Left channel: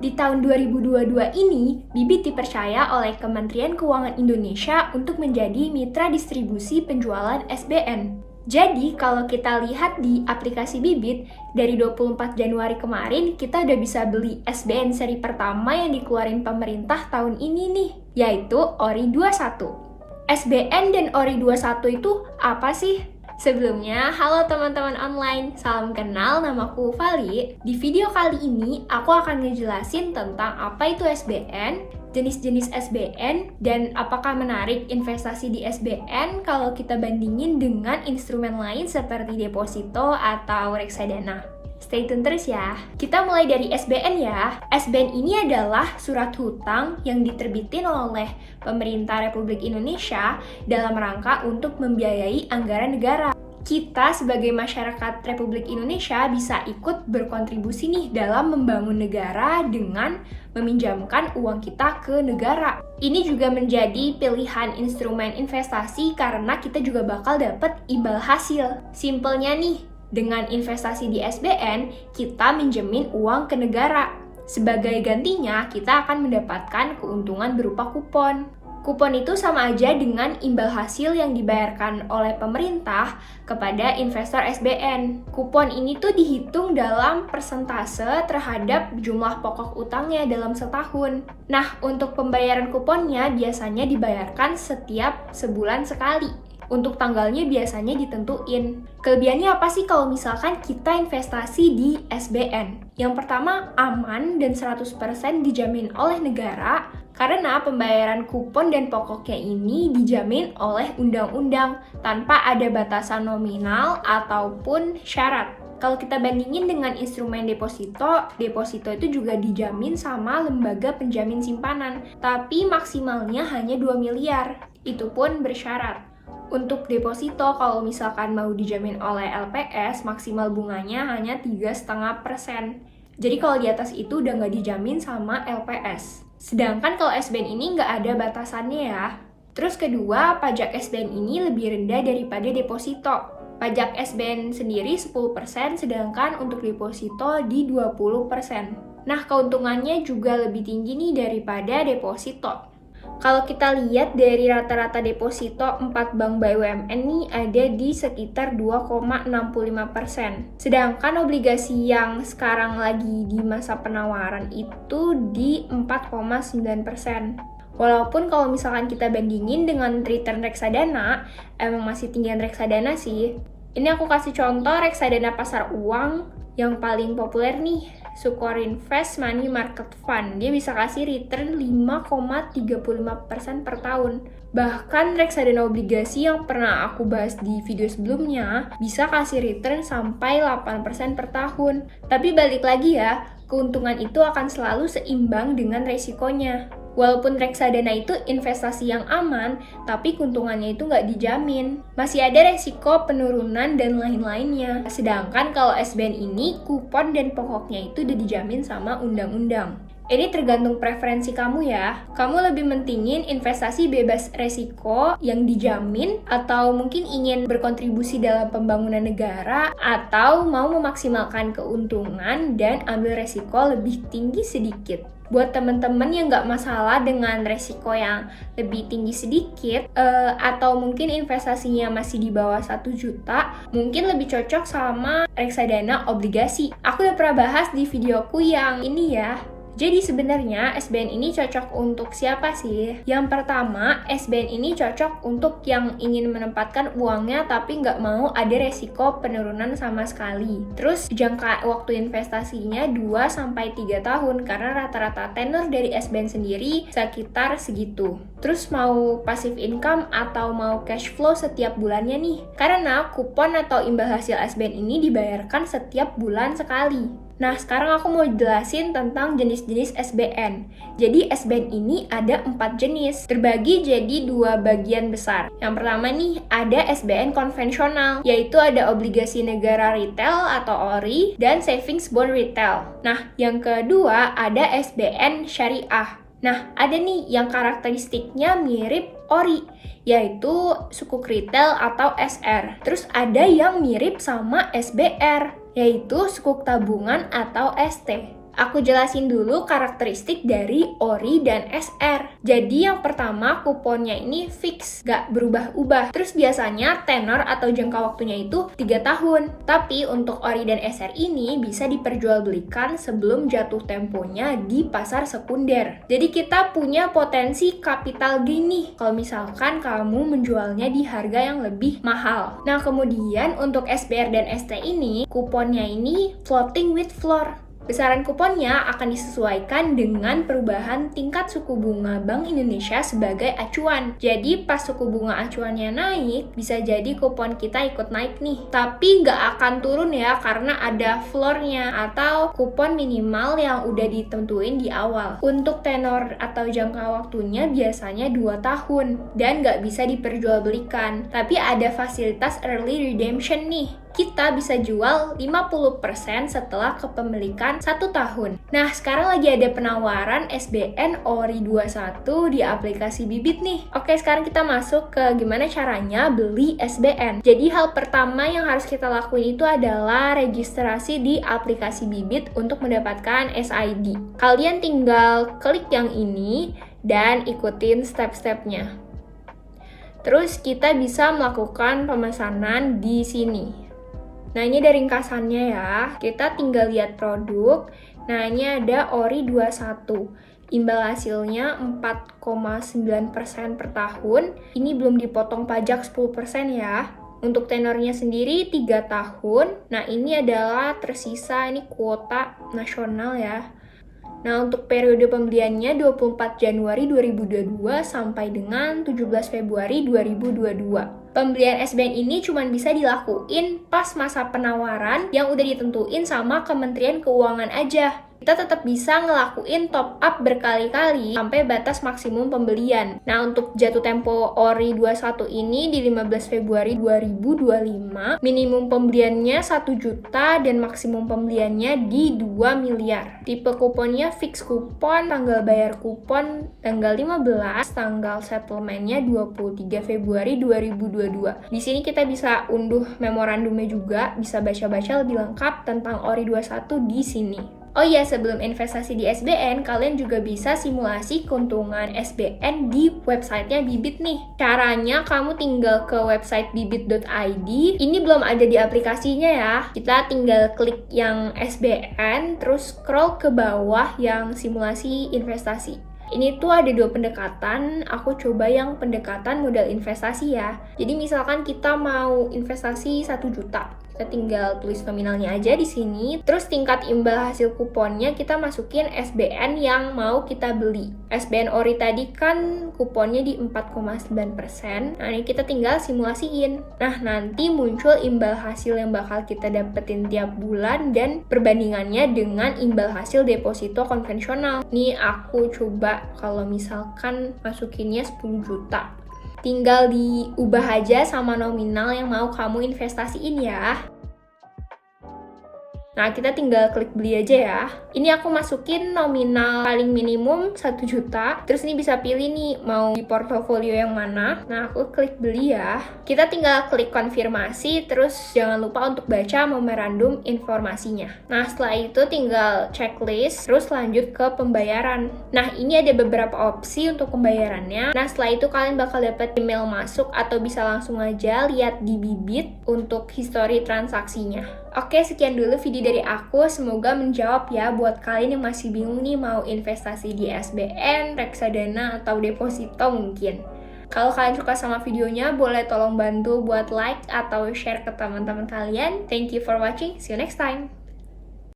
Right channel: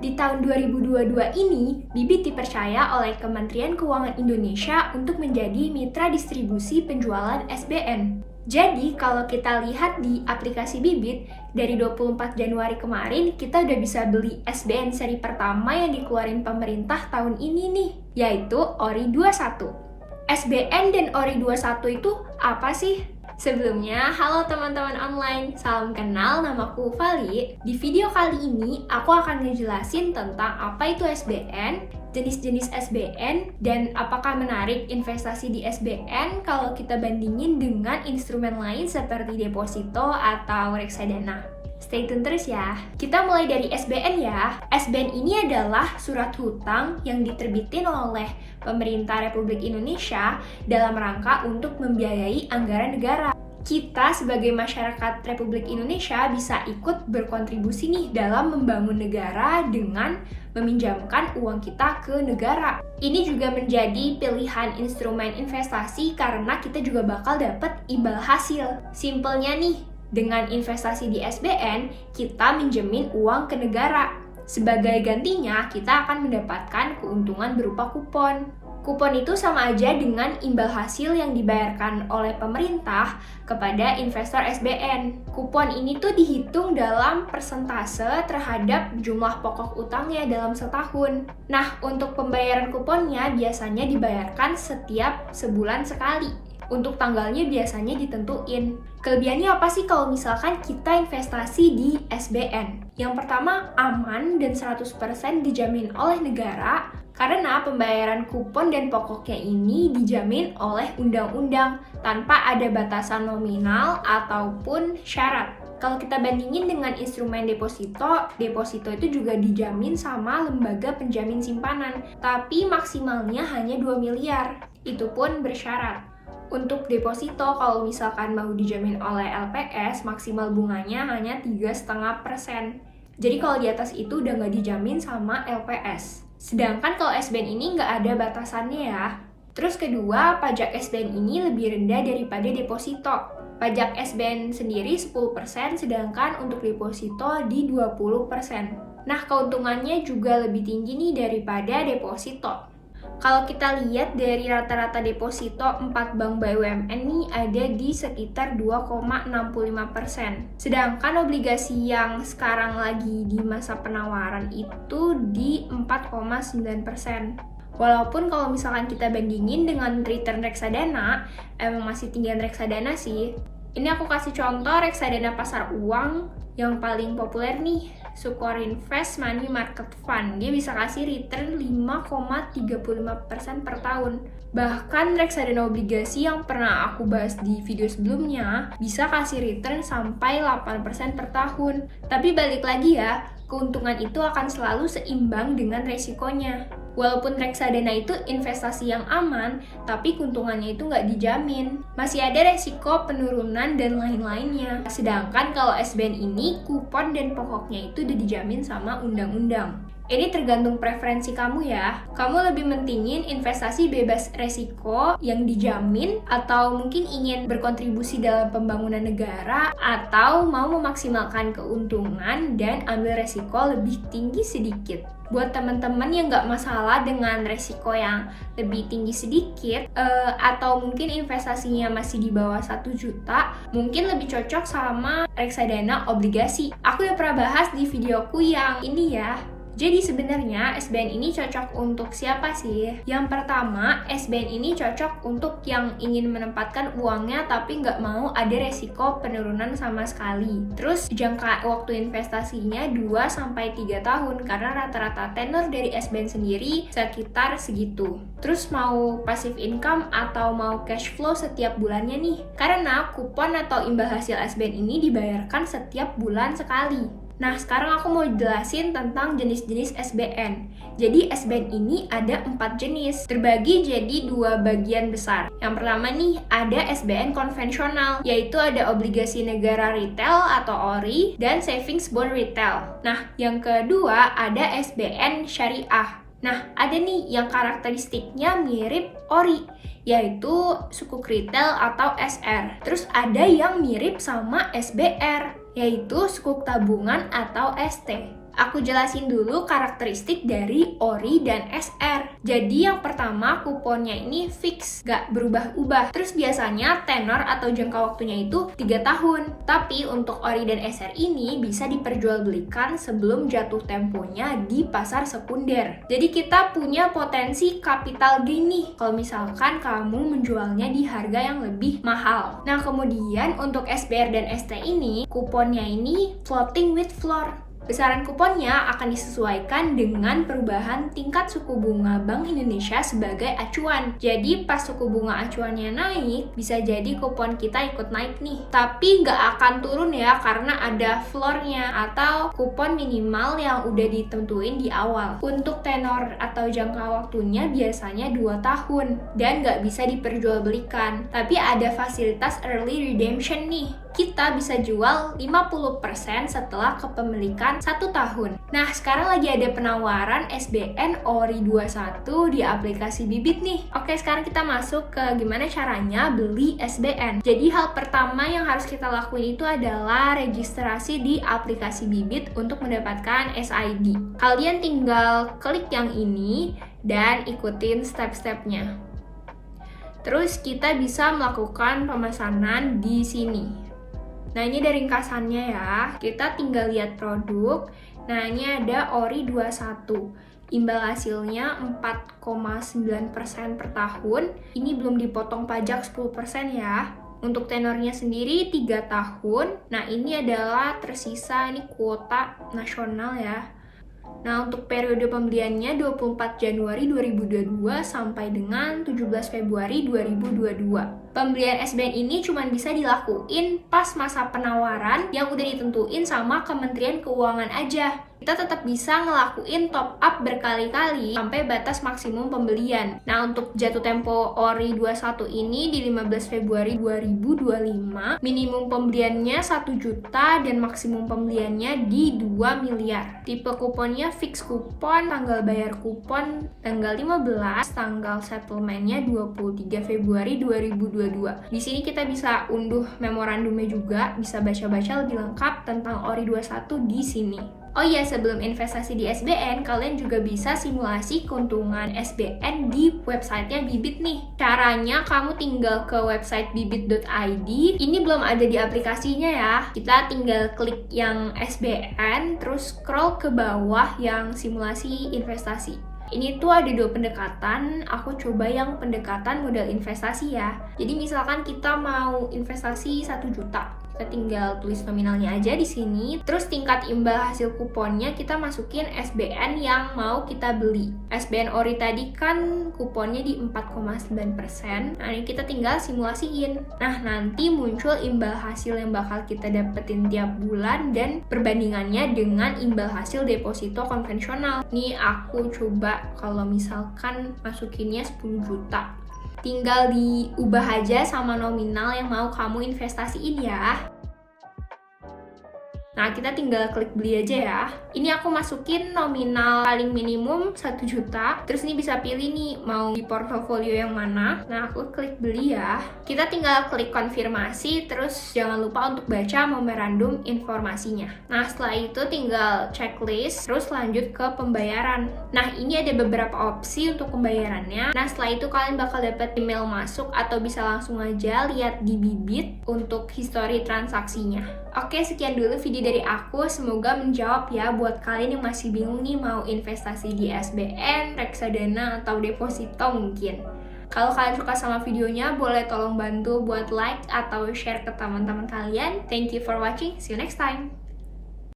Di tahun 2022 ini, Bibit dipercaya oleh Kementerian Keuangan Indonesia untuk menjadi mitra distribusi penjualan SBN. Jadi, kalau kita lihat di aplikasi Bibit, dari 24 Januari kemarin, kita udah bisa beli SBN seri pertama yang dikeluarin pemerintah tahun ini nih, yaitu ORI 21. SBN dan ORI 21 itu apa sih? Sebelumnya, halo teman-teman online, salam kenal, namaku Vali. Di video kali ini, aku akan ngejelasin tentang apa itu SBN, jenis-jenis SBN, dan apakah menarik investasi di SBN kalau kita bandingin dengan instrumen lain seperti deposito atau reksadana. Stay tune terus ya. Kita mulai dari SBN ya. SBN ini adalah surat hutang yang diterbitin oleh pemerintah Republik Indonesia dalam rangka untuk membiayai anggaran negara. Kita sebagai masyarakat Republik Indonesia bisa ikut berkontribusi nih dalam membangun negara dengan meminjamkan uang kita ke negara. Ini juga menjadi pilihan instrumen investasi karena kita juga bakal dapat imbal hasil. Simpelnya nih, dengan investasi di SBN, kita minjemin uang ke negara. Sebagai gantinya, kita akan mendapatkan keuntungan berupa kupon. Kupon itu sama aja dengan imbal hasil yang dibayarkan oleh pemerintah kepada investor SBN. Kupon ini tuh dihitung dalam persentase terhadap jumlah pokok utangnya dalam setahun. Nah, untuk pembayaran kuponnya biasanya dibayarkan setiap sebulan sekali. Untuk tanggalnya biasanya ditentuin. Kelebihannya apa sih kalau misalkan kita investasi di SBN? Yang pertama, aman dan 100% dijamin oleh negara karena pembayaran kupon dan pokoknya ini dijamin oleh undang-undang tanpa ada batasan nominal ataupun syarat. Kalau kita bandingin dengan instrumen deposito itu juga dijamin sama lembaga penjamin simpanan, tapi maksimalnya hanya 2 miliar. Itu pun bersyarat. Untuk deposito, kalau misalkan mau dijamin oleh LPS, maksimal bunganya hanya 3,5%. Jadi kalau di atas itu udah nggak dijamin sama LPS. Sedangkan kalau SBN ini nggak ada batasannya ya. Terus kedua, pajak SBN ini lebih rendah daripada deposito. Pajak SBN sendiri 10%, sedangkan untuk deposito di 20%. Nah, keuntungannya juga lebih tinggi nih daripada deposito. Kalau kita lihat dari rata-rata deposito 4 bank BUMN nih ada di sekitar 2,65%. Sedangkan obligasi yang sekarang lagi di masa penawaran itu di 4,9%. Walaupun kalau misalkan kita bandingin dengan return reksadana, emang masih tinggian reksadana sih. Ini aku kasih contoh reksadana pasar uang yang paling populer nih, Sukorinvest Money Market Fund. Dia bisa kasih return 5,35% per tahun. Bahkan reksadana obligasi yang pernah aku bahas di video sebelumnya bisa kasih return sampai 8% per tahun. Tapi balik lagi ya, keuntungan itu akan selalu seimbang dengan resikonya. Walaupun reksadana itu investasi yang aman, tapi keuntungannya itu nggak dijamin. Masih ada resiko penurunan dan lain-lainnya. Sedangkan kalau SBN ini, kupon dan pokoknya itu udah dijamin sama undang-undang. Ini tergantung preferensi kamu ya. Kamu lebih mentingin investasi bebas resiko yang dijamin atau mungkin ingin berkontribusi dalam pembangunan negara atau mau memaksimalkan keuntungan dan ambil resiko lebih tinggi sedikit. Buat teman-teman yang nggak masalah dengan resiko yang lebih tinggi sedikit atau mungkin investasinya masih di bawah 1 juta, mungkin lebih cocok sama reksadana obligasi. Aku udah pernah bahas di videoku yang ini ya. Jadi sebenarnya SBN ini cocok untuk siapa sih? Yang pertama, SBN ini cocok untuk yang ingin menempatkan uangnya tapi nggak mau ada resiko penurunan sama sekali. Terus jangka waktu investasinya 2-3 tahun karena rata-rata tenor dari SBN sendiri sekitar segitu. Terus mau passive income atau mau cash flow setiap bulannya nih? Karena kupon atau imbal hasil SBN ini dibayarkan setiap bulan sekali. Nah, sekarang aku mau jelasin tentang jenis-jenis SBN. Jadi, SBN ini ada 4 jenis, terbagi jadi 2 bagian besar. Yang pertama nih, ada SBN konvensional, yaitu ada obligasi negara retail atau ORI, dan savings bond retail. Nah, yang kedua ada SBN syariah. Nah, ada nih yang karakteristiknya mirip ORI, yaitu sukuk retail atau SR. Terus ada yang mirip sama SBR, yaitu sukuk tabungan atau ST. Aku jelasin dulu karakteristik dari ORI dan SR. Jadi yang pertama, kuponnya ini fix, gak berubah-ubah. Terus biasanya tenor atau jangka waktunya itu 3 tahun. Tapi untuk ORI dan SR ini bisa diperjualbelikan sebelum jatuh temponya di pasar sekunder. Jadi kita punya potensi capital gain nih kalau misalkan kamu menjualnya di harga yang lebih mahal. Nah, kemudian untuk SBR dan ST ini, kuponnya ini floating with floor. Besaran kuponnya akan disesuaikan dengan perubahan tingkat suku bunga Bank Indonesia sebagai acuan. Jadi pas suku bunga acuannya naik, bisa jadi kupon kita ikut naik nih. Tapi nggak akan turun ya karena ada floornya atau kupon minimal yang udah ditentuin di awal. Untuk tenor atau jangka waktunya biasanya 2 tahun dan nggak bisa diperjualbelikan. Tapi ada fasilitas early redemption nih. Kita bisa jual 50% setelah kepemilikan 1 tahun. Nah, sekarang lagi ada penawaran SBN ORI 21 di aplikasi Bibit nih. Oke, sekarang kita masuk ke gimana caranya beli SBN. Jadi hal pertama yang harus kita lakuin itu adalah registrasi di aplikasi Bibit untuk mendapatkan SID. Kalian tinggal klik yang ini dan ikutin step-stepnya. Terus kita bisa melakukan pemesanan di sini. Nah, ini dari ringkasannya ya. Kita tinggal lihat produk. Nah, ini ada ORI 21. Imbal hasilnya 4,9% per tahun. Ini belum dipotong pajak 10% ya. Untuk tenornya sendiri 3 tahun. Nah, ini adalah tersisa, ini kuota nasional ya. Nah, untuk periode pembeliannya 24 Januari 2022 sampai dengan 17 Februari 2022. Pembelian SBN ini cuma bisa dilakuin pas masa penawaran yang udah ditentuin sama Kementerian Keuangan aja. Kita tetap bisa ngelakuin top up berkali-kali sampai batas maksimum pembelian. Nah, untuk jatuh tempo ORI 21 ini di 15 Februari 2025, minimum pembeliannya 1 juta dan maksimum pembeliannya di 2 miliar. Tipe kuponnya fix kupon, tanggal bayar kupon tanggal 15, tanggal settlementnya 23 Februari 2022. Di sini kita bisa unduh memorandumnya juga, bisa baca-baca lebih lengkap tentang ORI 21 di sini. Oh iya, sebelum investasi di SBN, kalian juga bisa simulasi keuntungan SBN di websitenya Bibit nih. Caranya kamu tinggal ke website bibit.id. Ini belum ada di aplikasinya ya. Kita tinggal klik yang SBN, terus scroll ke bawah yang simulasi investasi. Ini tuh ada 2 pendekatan, aku coba yang pendekatan modal investasi ya. Jadi misalkan kita mau investasi 1 juta. Kita tinggal tulis nominalnya aja di sini. Terus tingkat imbal hasil kuponnya kita masukin SBN yang mau kita beli. SBN ORI tadi kan kuponnya di 4,9%. Nah, ini kita tinggal simulasiin. Nah, nanti muncul imbal hasil yang bakal kita dapetin tiap bulan dan perbandingannya dengan imbal hasil deposito konvensional. Nih aku coba kalau misalkan masukinnya 10 juta. Tinggal diubah aja sama nominal yang mau kamu investasiin ya. Nah, kita tinggal klik beli aja ya. Ini aku masukin nominal paling minimum 1 juta. Terus ini bisa pilih nih, mau di portofolio yang mana. Nah, aku klik beli ya. Kita tinggal klik konfirmasi, terus jangan lupa untuk baca memorandum informasinya. Nah, setelah itu tinggal checklist, terus lanjut ke pembayaran. Nah, ini ada beberapa opsi untuk pembayarannya. Nah, setelah itu kalian bakal dapat email masuk atau bisa langsung aja lihat di Bibit untuk history transaksinya. Oke, sekian dulu video dari aku. Semoga menjawab ya buat kalian yang masih bingung nih mau investasi di SBN, reksadana, atau deposito mungkin. Kalau kalian suka sama videonya, boleh tolong bantu buat like atau share ke teman-teman kalian. Thank you for watching. See you next time.